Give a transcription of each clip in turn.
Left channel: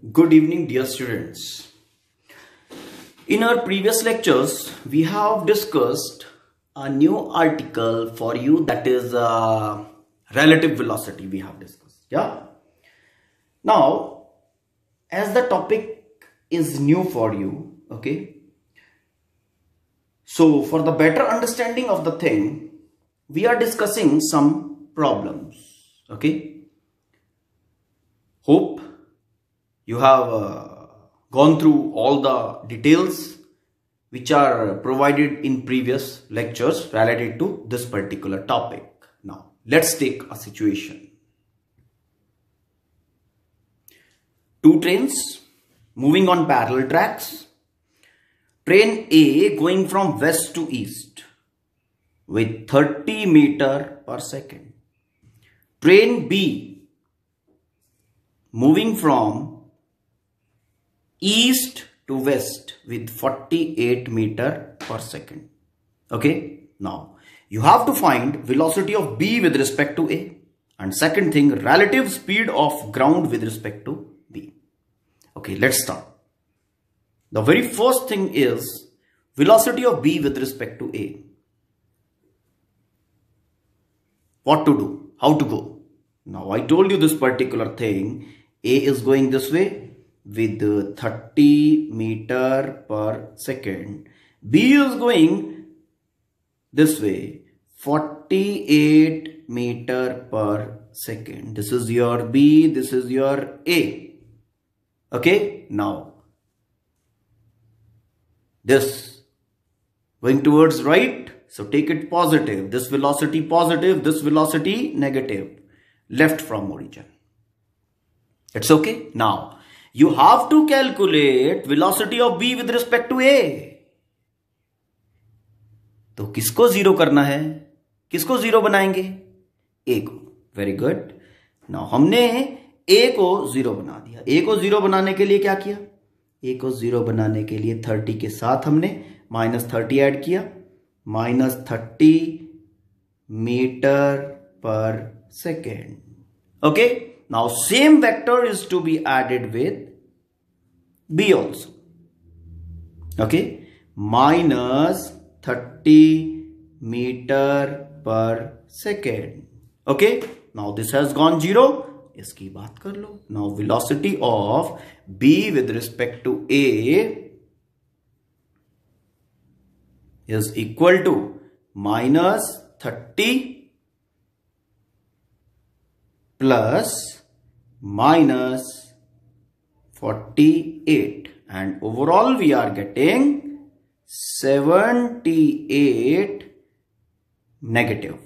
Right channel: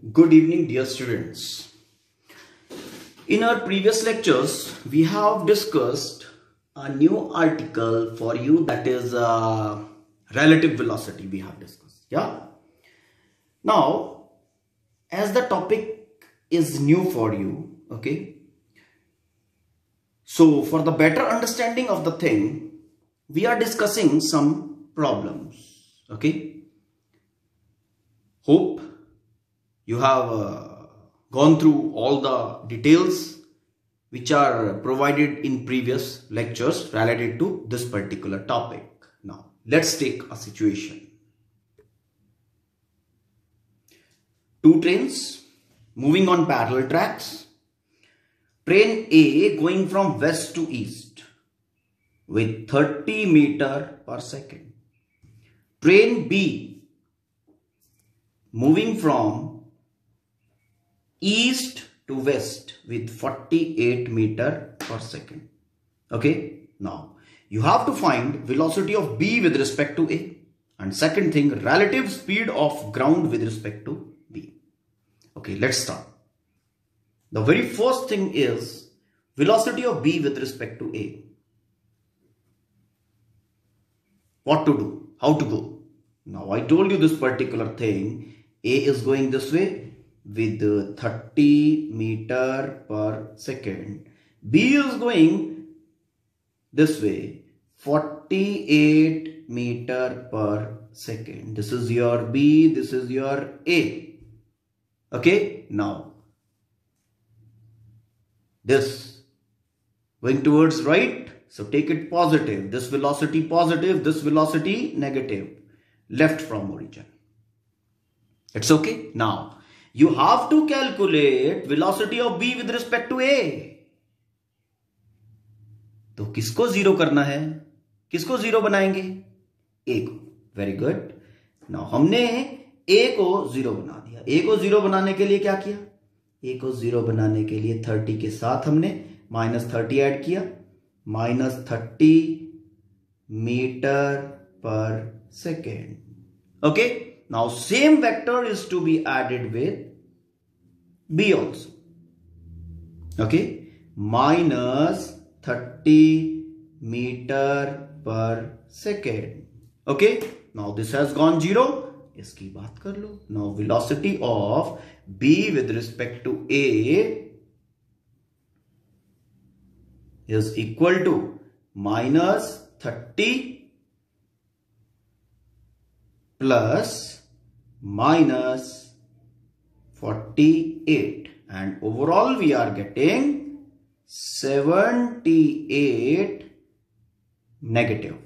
Good evening, dear students. In our previous lectures, we have discussed a new article for you, that is relative velocity we have discussed. Yeah. Now, as the topic is new for you, okay. So, for the better understanding of the thing, we are discussing some problems, okay. Hope you have gone through all the details which are provided in previous lectures related to this particular topic. Now, let's take a situation. Two trains moving on parallel tracks. Train A going from west to east with 30 meter per second. Train B moving from east to west with 48 meter per second. Okay. Now, you have to find velocity of B with respect to A. And second thing, relative speed of ground with respect to B. Okay, let's start. The very first thing is velocity of B with respect to A. What to do? How to go? Now, I told you this particular thing. A is going this way with 30 meter per second. B is going this way, 48 meter per second. This is your B, this is your A. Okay, now this going towards right, so take it positive. This velocity positive, this velocity negative, left from origin. It's okay. Now, you have to calculate velocity of B with respect to A. तो किसको जीरो करना है? किसको जीरो बनाएंगे? A को. Very good. Now, हमने A को जीरो बना दिया. A को जीरो बनाने के लिए क्या किया? A को जीरो बनाने के लिए 30 के साथ हमने -30 ऐड किया. -30 मीटर पर second. Okay. Now, same vector is to be added with B also. Okay. -30 meter per second. Okay. Now, this has gone 0. इसकी बात कर लो. Now, velocity of B with respect to A is equal to -30 plus -48, and overall we are getting 78 negative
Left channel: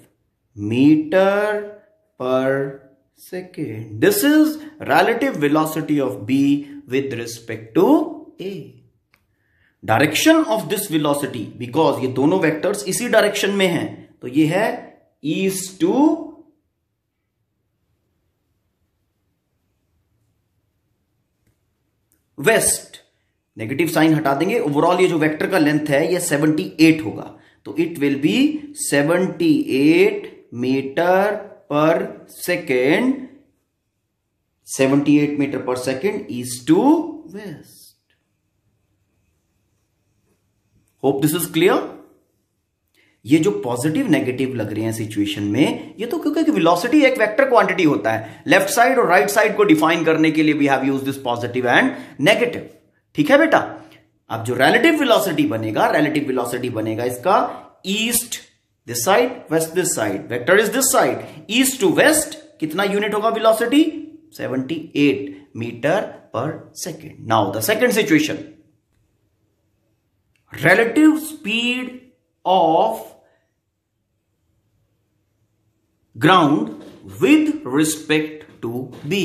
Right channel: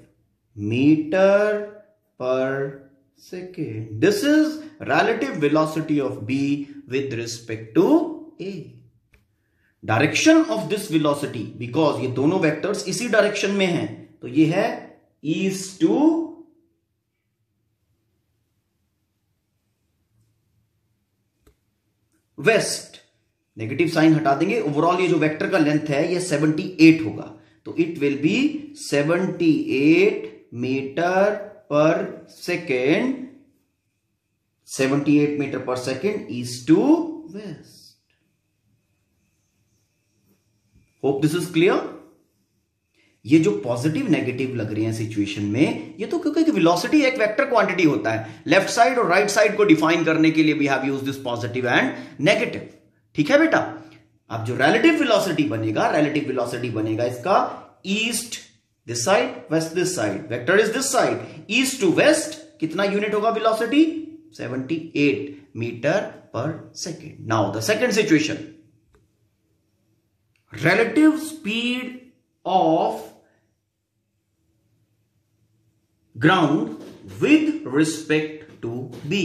meter per second. This is relative velocity of B with respect to A. Direction of this velocity, because ये दोनों vectors इसी direction में हैं, तो ये है east to west. Negative sign हटा देंगे. ओवरऑल ये जो वेक्टर का लेंथ है ये 78 होगा, तो इट विल बी 78 मीटर पर सेकेंड. 78 मीटर पर second east to west. Hope this is clear. ये जो पॉजिटिव नेगेटिव लग रहे हैं सिचुएशन में, ये तो क्योंकि वेलोसिटी एक वेक्टर क्वांटिटी होता है. लेफ्ट साइड और राइट साइड को डिफाइन करने के लिए we have used this positive and negative. ठीक है बेटा. अब जो रिलेटिव वेलोसिटी बनेगा इसका east this side, west this side. Vector is this side, east to west. कितना यूनिट होगा वेलोसिटी? 78 मीटर पर second. Now the second situation, relative speed of ground with respect to B.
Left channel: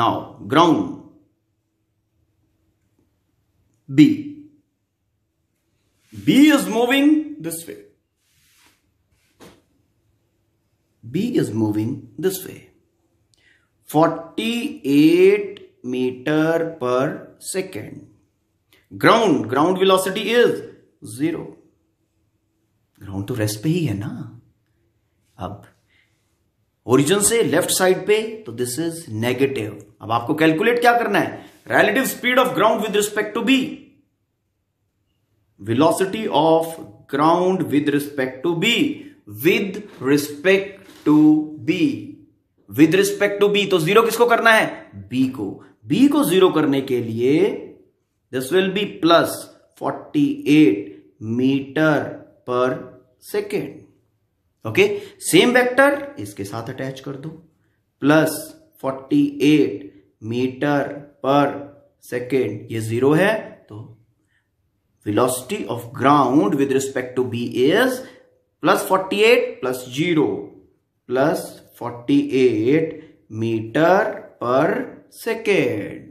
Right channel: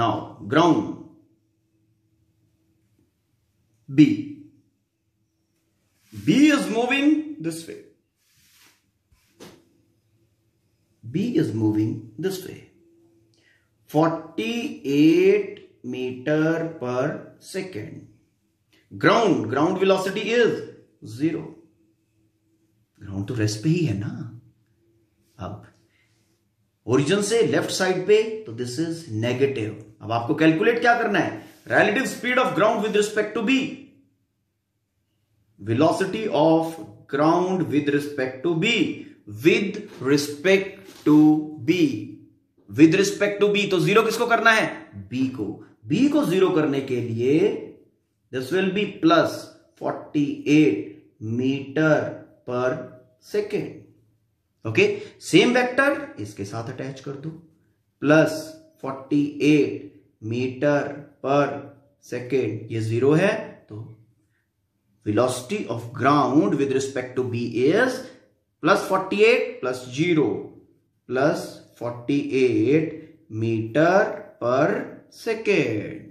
Now, ground B. B is moving this way. B is moving this way. 48 meter per second. Ground velocity is 0. ग्राउंड तो रेस्ट पे ही है ना. अब ओरिजिन से left side पे, तो this is negative. अब आपको कैलकुलेट क्या करना है, relative speed of ground with respect to B, velocity of ground with respect to B, with respect to B, with respect to B. तो जीरो किसको करना है, बी को। बी को जीरो करने के लिए this will be plus 48 metre पर सेकेंड। ओके, सेम वेक्टर इसके साथ अटैच कर दो, प्लस 48 मीटर पर सेकेंड, ये जीरो है, तो velocity of ground with respect to B is plus 48 plus 0 plus 48 metre पर second.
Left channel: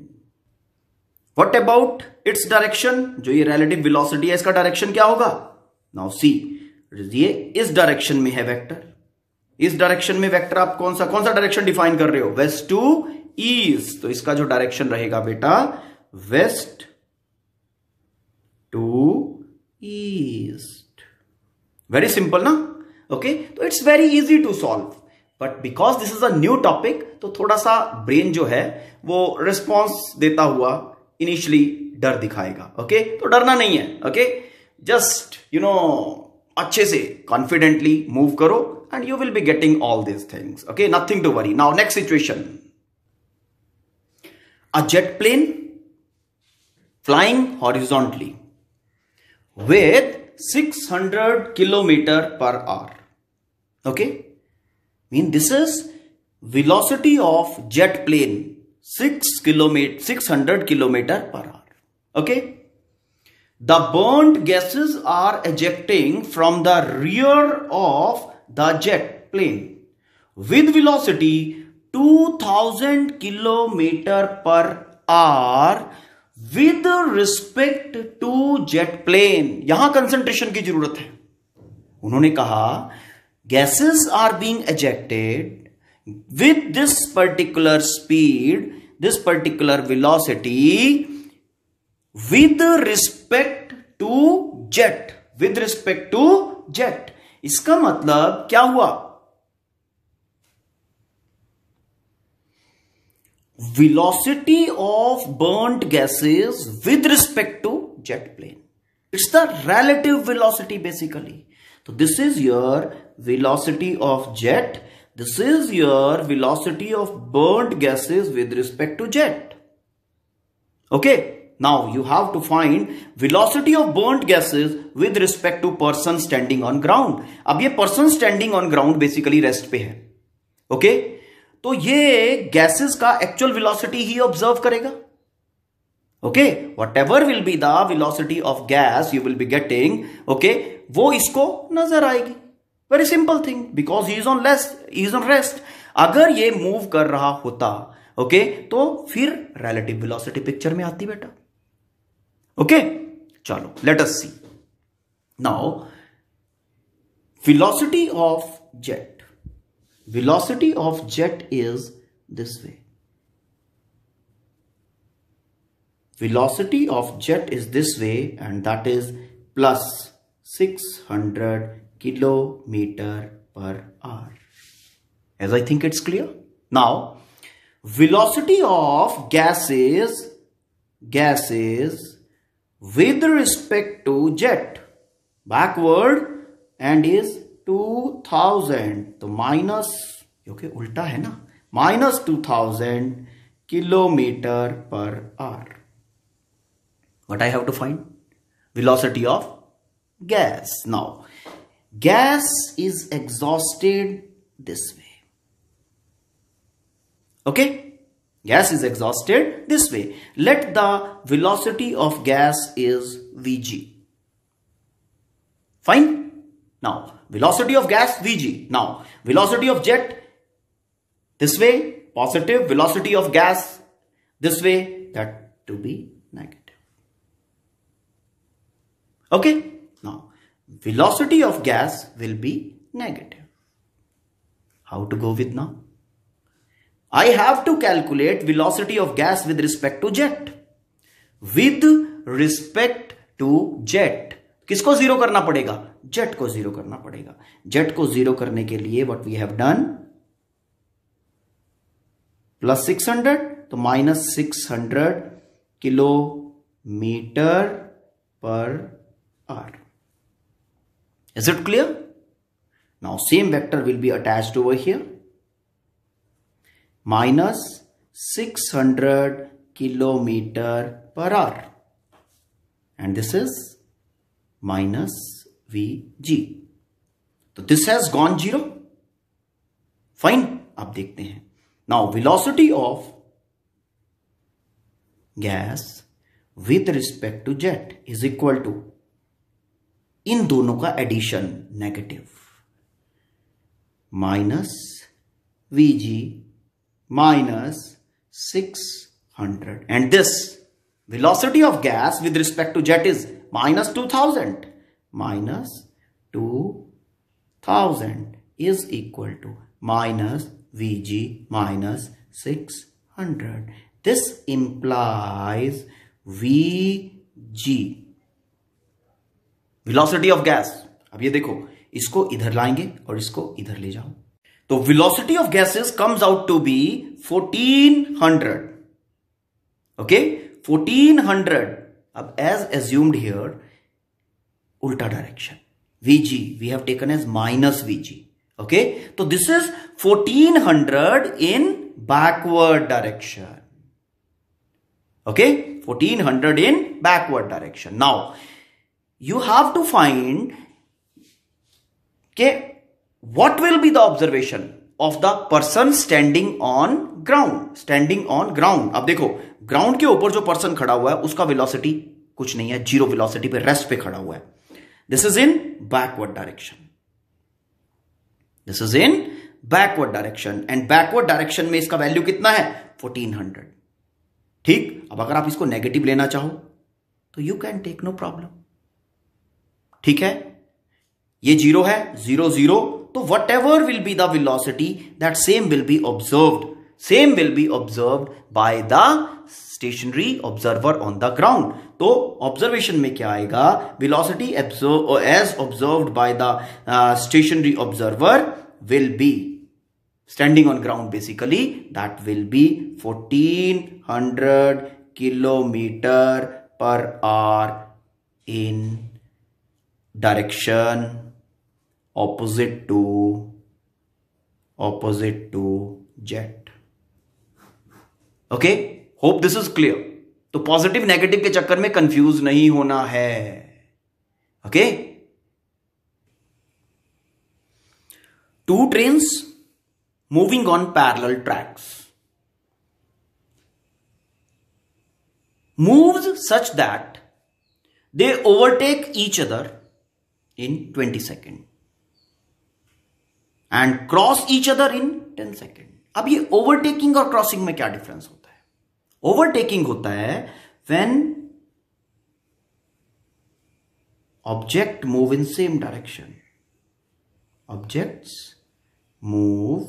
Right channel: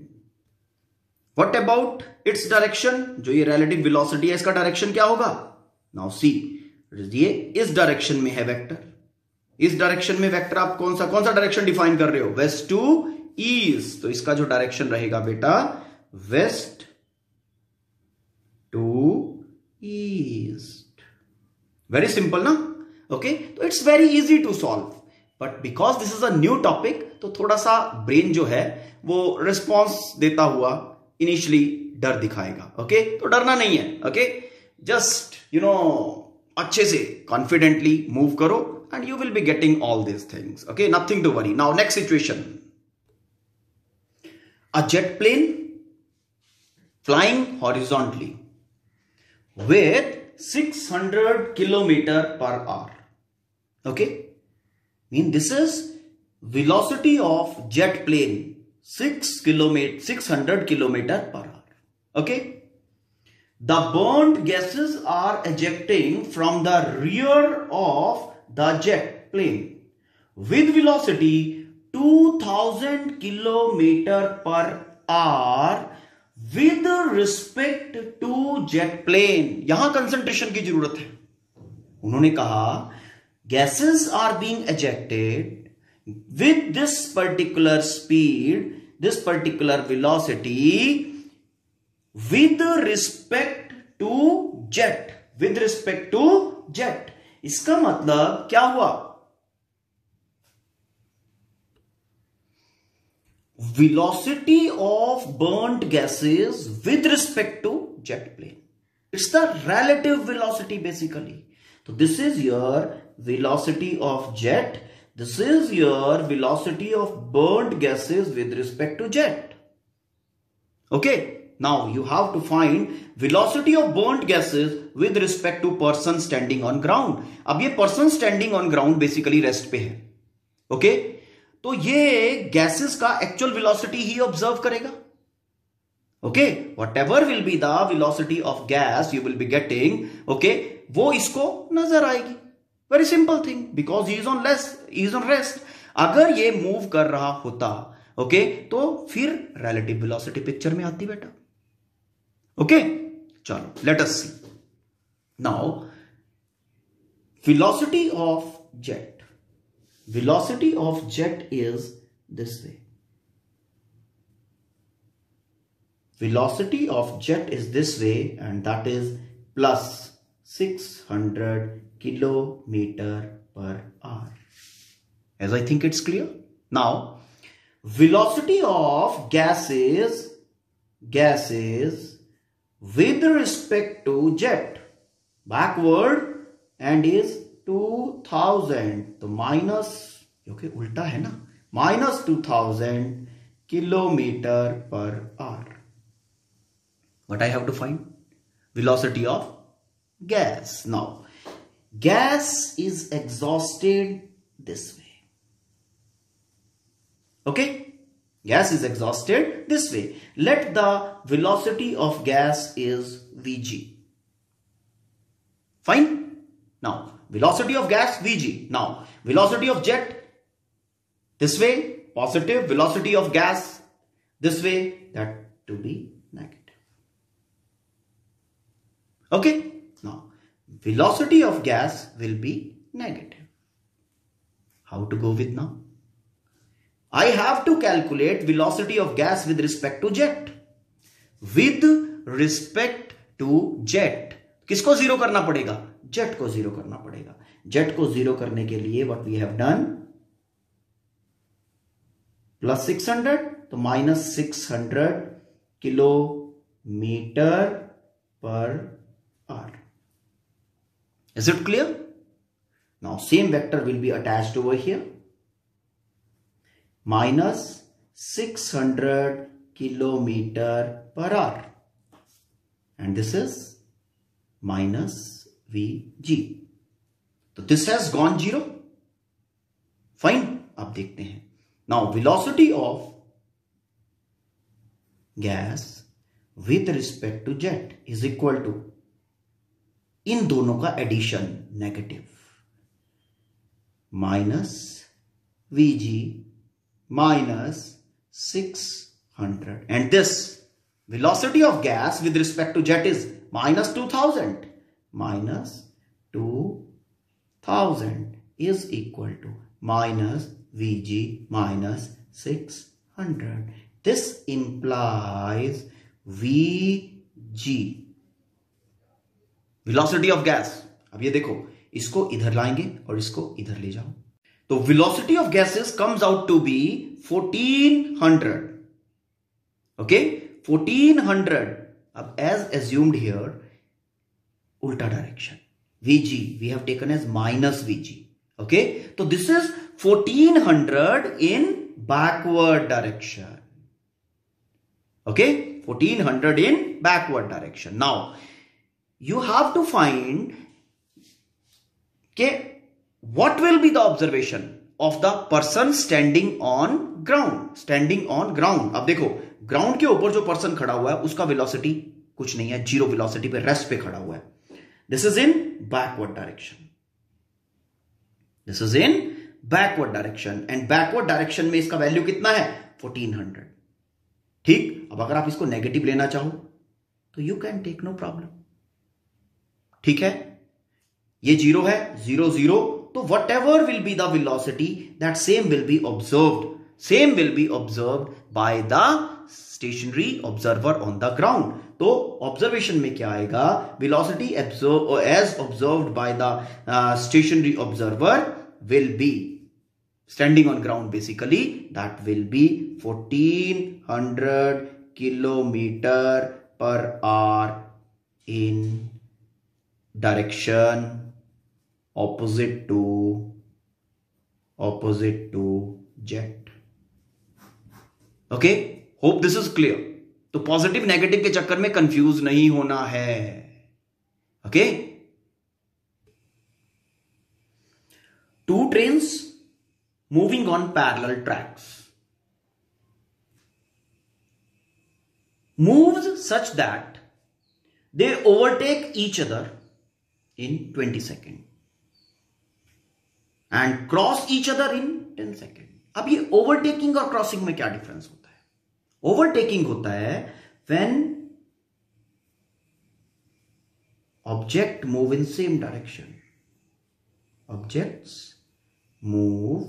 What about its direction, जो ये रिलेटिव वेलोसिटी है इसका डायरेक्शन क्या होगा, नाउ सी, ये इस डायरेक्शन में है वेक्टर, इस डायरेक्शन में वेक्टर आप कौन सा डायरेक्शन डिफाइन कर रहे हो, वेस्ट टू ईस्ट, तो इसका जो डायरेक्शन रहेगा बेटा west to east. Very simple ना, ओके, तो it's very easy to solve, but because this is a new topic तो थोड़ा सा ब्रेन जो है वो रिस्पॉन्स देता हुआ इनिशियली डर दिखाएगा। ओके, तो डरना नहीं है। ओके, जस्ट अच्छे से कॉन्फिडेंटली मूव करो and you will be getting all these things. Okay, nothing to worry. Now next situation, a jet plane flying horizontally with 600 kilometer per hour. Okay, this is velocity of jet plane 600 kilometer per hour. Okay, the burnt gases are ejecting from the rear of the jet plane with velocity 2000 kilometer per hour with respect to jet plane। यहां कंसंट्रेशन की जरूरत है। उन्होंने कहा gases are being ejected with this particular speed, this particular velocity with respect to jet, with respect to jet। इसका मतलब क्या हुआ, velocity of burnt gases with respect to jet plane, it's the relative velocity basically। So this is your velocity of jet, this is your velocity of burnt gases with respect to jet। Okay, now you have to find velocity of burnt gases with respect to person standing on ground। अब ये person standing on ground basically rest पे है। ओके, तो ये गैसेस का actual velocity ही ऑब्जर्व करेगा। Okay, whatever will be the velocity of gas you will be getting, okay, वो इसको नजर आएगी। Very simple thing, because he is on rest. अगर ये मूव कर रहा होता, ओके, तो फिर रिलेटिव वेलोसिटी पिक्चर में आती बेटा। ओके, चलो let us see now velocity of jet, velocity of jet is this way, velocity of jet is this way, and that is plus 600 kilometer per hour, as I think it's clear. Now velocity of gases with respect to jet backward and is 2000, तो माइनस, क्योंकि उल्टा है ना, माइनस 2000 किलोमीटर पर our. What I have to find? Velocity of gas. Now gas is exhausted this way. Okay, gas is exhausted this way. Let the velocity of gas is Vg. Fine. Now velocity of gas Vg. Now velocity of jet this way positive, velocity of gas this way, that to be negative. Okay, now velocity of gas will be negative. How to go with now? I have to calculate velocity of gas with respect to jet. With respect to jet, किसको जीरो करना पड़ेगा, जेट को जीरो करना पड़ेगा। जेट को जीरो करने के लिए what we have done, plus 600, तो -600 किलोमीटर पर hour. Is it clear? Now same vector will be attached over here. -600 kilometer per hour. And this is minus Vg. So this has gone 0. Fine. अब देखते हैं. Now velocity of gas with respect to jet is equal to, इन दोनों का addition negative, -Vg -600, and this velocity of gas with respect to jet is -2000. -2000 is equal to -Vg -600. This implies Vg, velocity of gas. अब ये देखो, इसको इधर लाएंगे और इसको इधर ले जाओ, तो velocity of gases comes out to be 1400. Okay, 1400. अब एज एज्यूम्ड हियर, उल्टा direction, Vg we have taken as -Vg. Okay, तो this is 1400 in backward direction. Okay, 1400 in backward direction. Now you have to find what will be the observation of the person standing on ground. अब देखो, ग्राउंड के ऊपर जो पर्सन खड़ा हुआ है उसका वेलोसिटी कुछ नहीं है, 0 वेलोसिटी पे, रेस्ट पे खड़ा हुआ है. This is in backward direction. And backward direction में इसका वैल्यू कितना है? 1400. ठीक. अब अगर आप इसको नेगेटिव लेना चाहो तो you can take no problem. ठीक है, ये 0 है, 0 0, तो whatever will be the velocity, that same will be observed by the stationary observer on the ground. तो ऑब्जर्वेशन में क्या आएगा? Velocity as observed by the stationary observer will be standing on ground, basically that will be 1400 kilometer per hour in direction opposite to jet. Okay, hope this is clear. तो positive negative के चक्कर में कंफ्यूज नहीं होना है. ओके, 2 trains moving on parallel tracks moves such that they overtake each other in 20 seconds and cross each other in 10 seconds. अब ये ओवरटेकिंग और क्रॉसिंग में क्या डिफरेंस होता है? ओवरटेकिंग होता है when object move in same direction. Objects move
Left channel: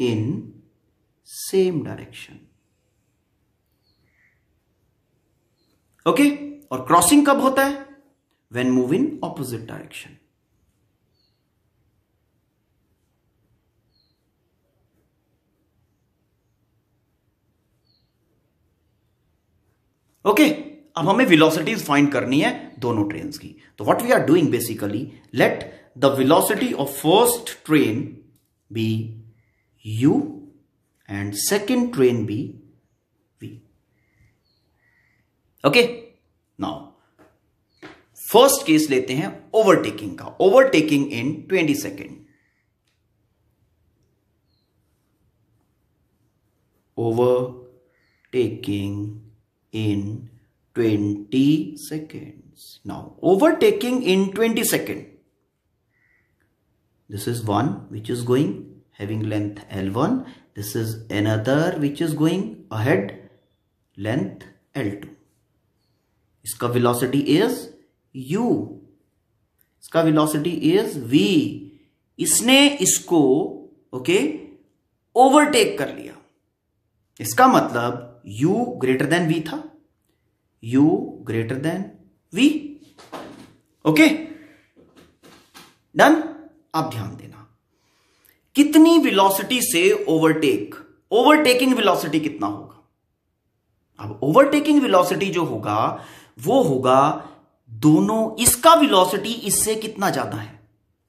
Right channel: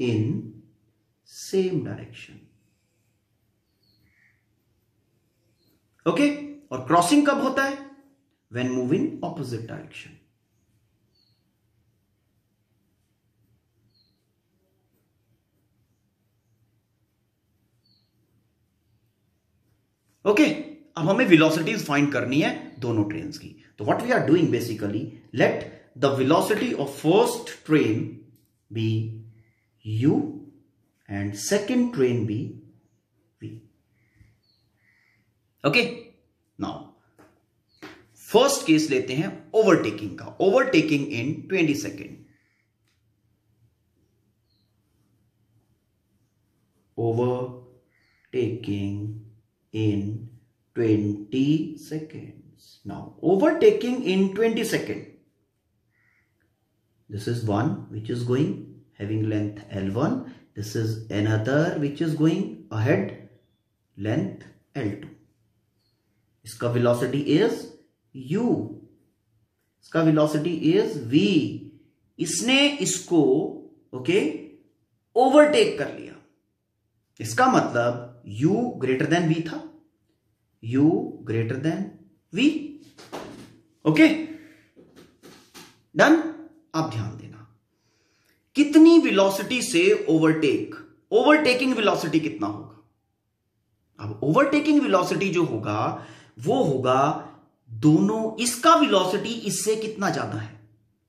in same direction. Okay, और क्रॉसिंग कब होता है? when move in opposite direction. Okay, अब हमें वेलोसिटीज फाइंड करनी है दोनों ट्रेन्स की. तो what we are doing basically, let the velocity of first train be u and second train be v. Okay, now first case लेते हैं ओवरटेकिंग का. ओवरटेकिंग इन 20 second. Overtaking in 20 seconds. Now overtaking in 20 seconds. This is one which is going having length L1. This is another which is going ahead, length L2. इसका velocity is u. इसका velocity is v. इसने इसको ओवरटेक कर लिया. इसका मतलब u greater than v था. u greater than v. Okay, done. अब ध्यान देना, कितनी वेलोसिटी से ओवरटेक ओवरटेकिंग वेलोसिटी कितना होगा? अब ओवरटेकिंग वेलोसिटी जो होगा वो होगा दोनों, इसका वेलोसिटी इससे कितना ज्यादा है,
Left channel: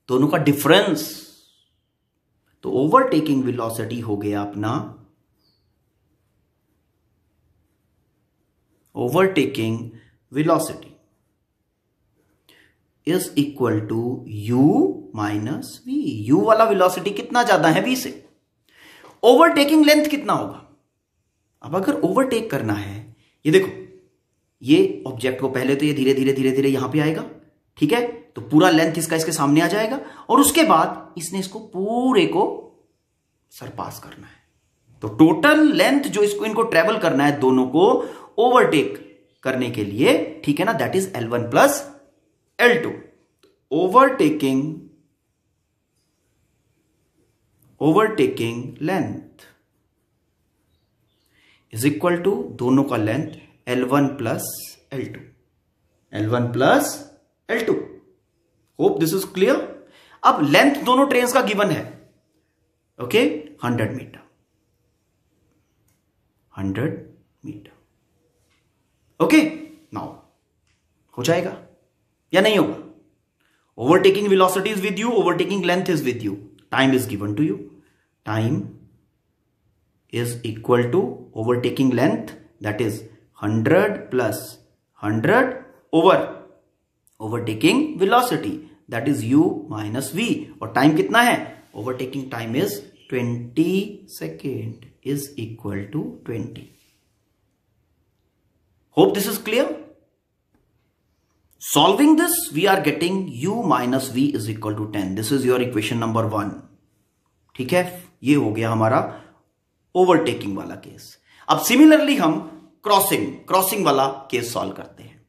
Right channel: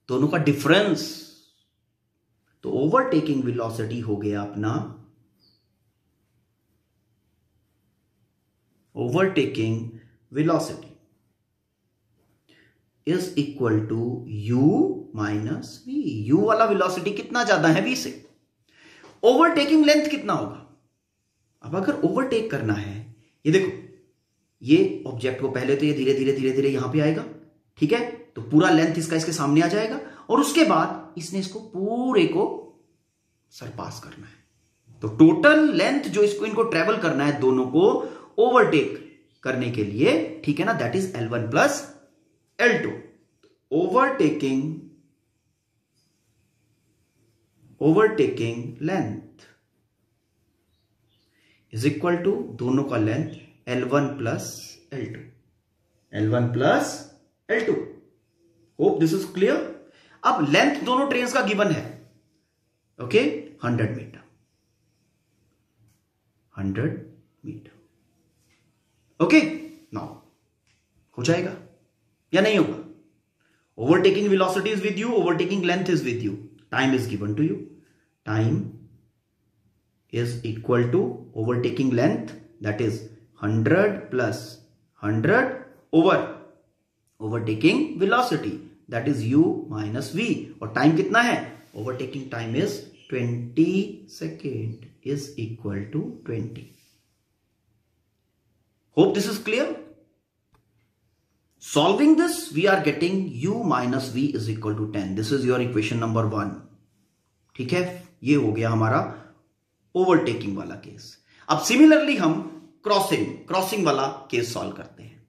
दोनों का डिफरेंस। तो ओवरटेकिंग वेलोसिटी हो गया अपना, overtaking velocity is equal to u minus v। u वाला वेलोसिटी कितना ज्यादा है v से। ओवरटेकिंग लेंथ कितना होगा? अब अगर ओवरटेक करना है, ये देखो, ये ऑब्जेक्ट को पहले तो ये धीरे धीरे धीरे धीरे यहां पे आएगा, ठीक है, तो पूरा लेंथ इसका इसके सामने आ जाएगा और उसके बाद इसने इसको पूरे को सरपास करना है। तो टोटल लेंथ जो इसको इनको ट्रेवल करना है दोनों को ओवरटेक करने के लिए, ठीक है ना, that is L1 plus L2। Overtaking length is equal to दोनों का length L1 plus L2, L1 plus L2। Hope this is clear. अब लेंथ दोनों ट्रेन्स का गिवन है, okay, 100 metre, 100 metre, okay. Now हो जाएगा या नहीं होगा? Overtaking velocity is with you, overtaking length is with you, time is given to you. Time is equal to overtaking length, that is 100 plus 100 over overtaking velocity, that is u minus v। और टाइम कितना है? overtaking time is 20 second is equal to 20। hope this is clear। solving this we are getting u minus v is equal to 10। this is your equation number 1, ठीक है। ये हो गया हमारा ओवरटेकिंग वाला केस। अब सिमिलरली हम क्रॉसिंग वाला केस सॉल्व करते हैं।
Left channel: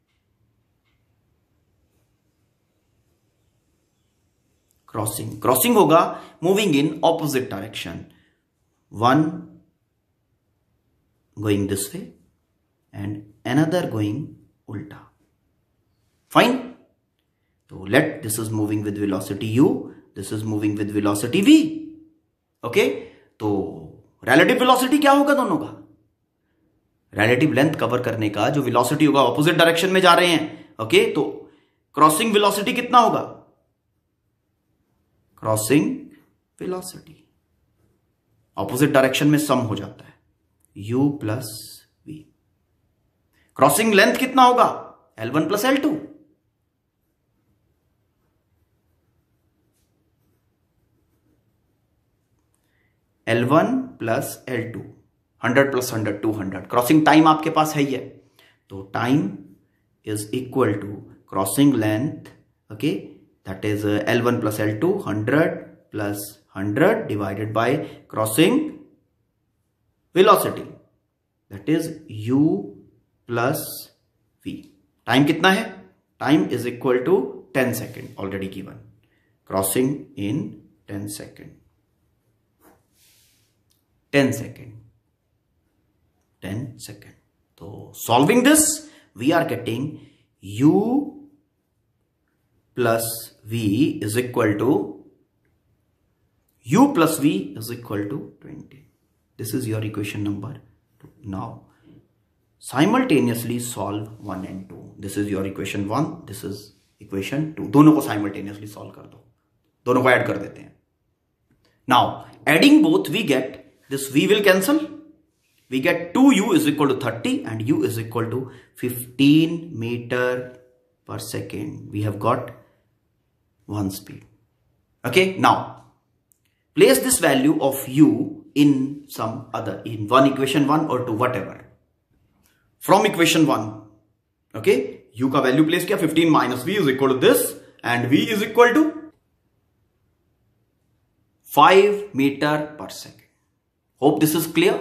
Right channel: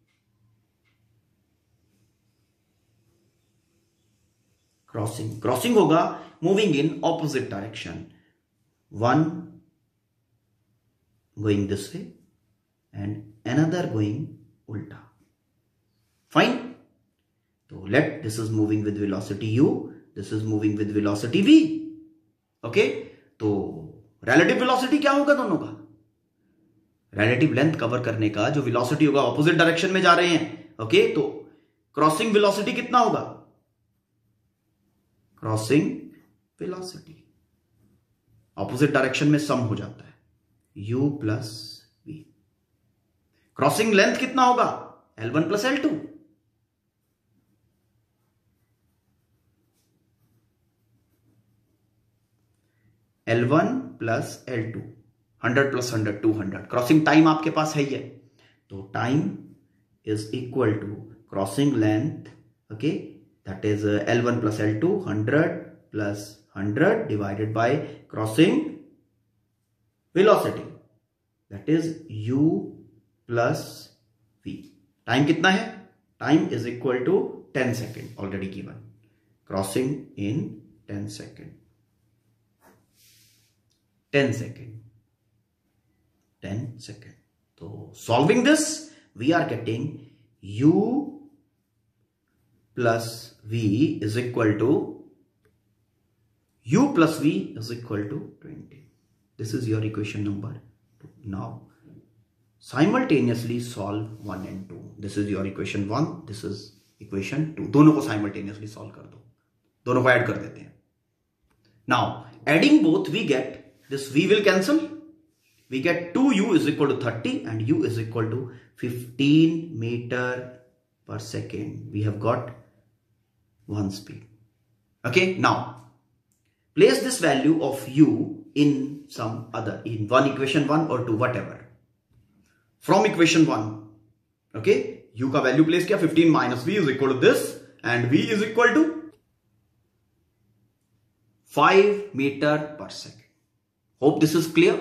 क्रॉसिंग होगा moving in opposite direction, one going this way and another going उल्टा। फाइन। तो let this is moving with velocity u, this is moving with velocity v, okay. तो रिलेटिव वेलोसिटी क्या होगा दोनों का? रिलेटिव लेंथ कवर करने का जो वेलोसिटी होगा, ऑपोजिट डायरेक्शन में जा रहे हैं, ओके। तो क्रॉसिंग वेलोसिटी कितना होगा? क्रॉसिंग वेलोसिटी ऑपोजिट डायरेक्शन में सम हो जाता है, u plus v। Crossing length कितना होगा? L1 plus L2। L1 plus L2, 100 plus 100 200। Crossing time आपके पास है ही है, तो time is equal to crossing length, okay, that is L1 plus L2, 100 plus 100 divided by crossing velocity, that is u plus v। Time कितना है? Time is equal to 10 second, already given. Crossing in 10 second, 10 second, 10 सेकेंड। तो solving this we are getting u plus v is equal to, u plus v is equal to 20। This is your equation number 2। Now simultaneously solve 1 and 2। This is your equation 1, this is equation 2। दोनों को simultaneously solve कर दो, दोनों को ऐड कर देते हैं। Now adding both we get, this v will cancel, we get 2u is equal to 30 and u is equal to 15 meter per second। we have got one speed, okay। now place this value of u in some other, in one equation 1 or 2, whatever, from equation 1, okay। u का value place किया, 15 minus v is equal to this and v is equal to 5 meter per second। hope this is clear,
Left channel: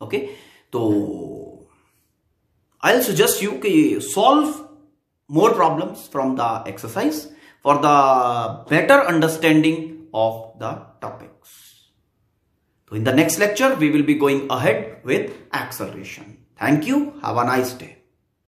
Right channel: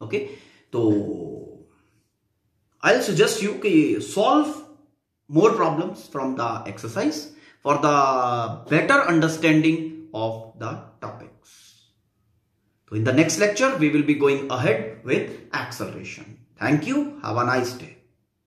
okay। तो I'll suggest you कि solve more problems from the exercise for the better understanding of the topics। So in the next lecture we will be going ahead with acceleration। Thank you, have a nice day।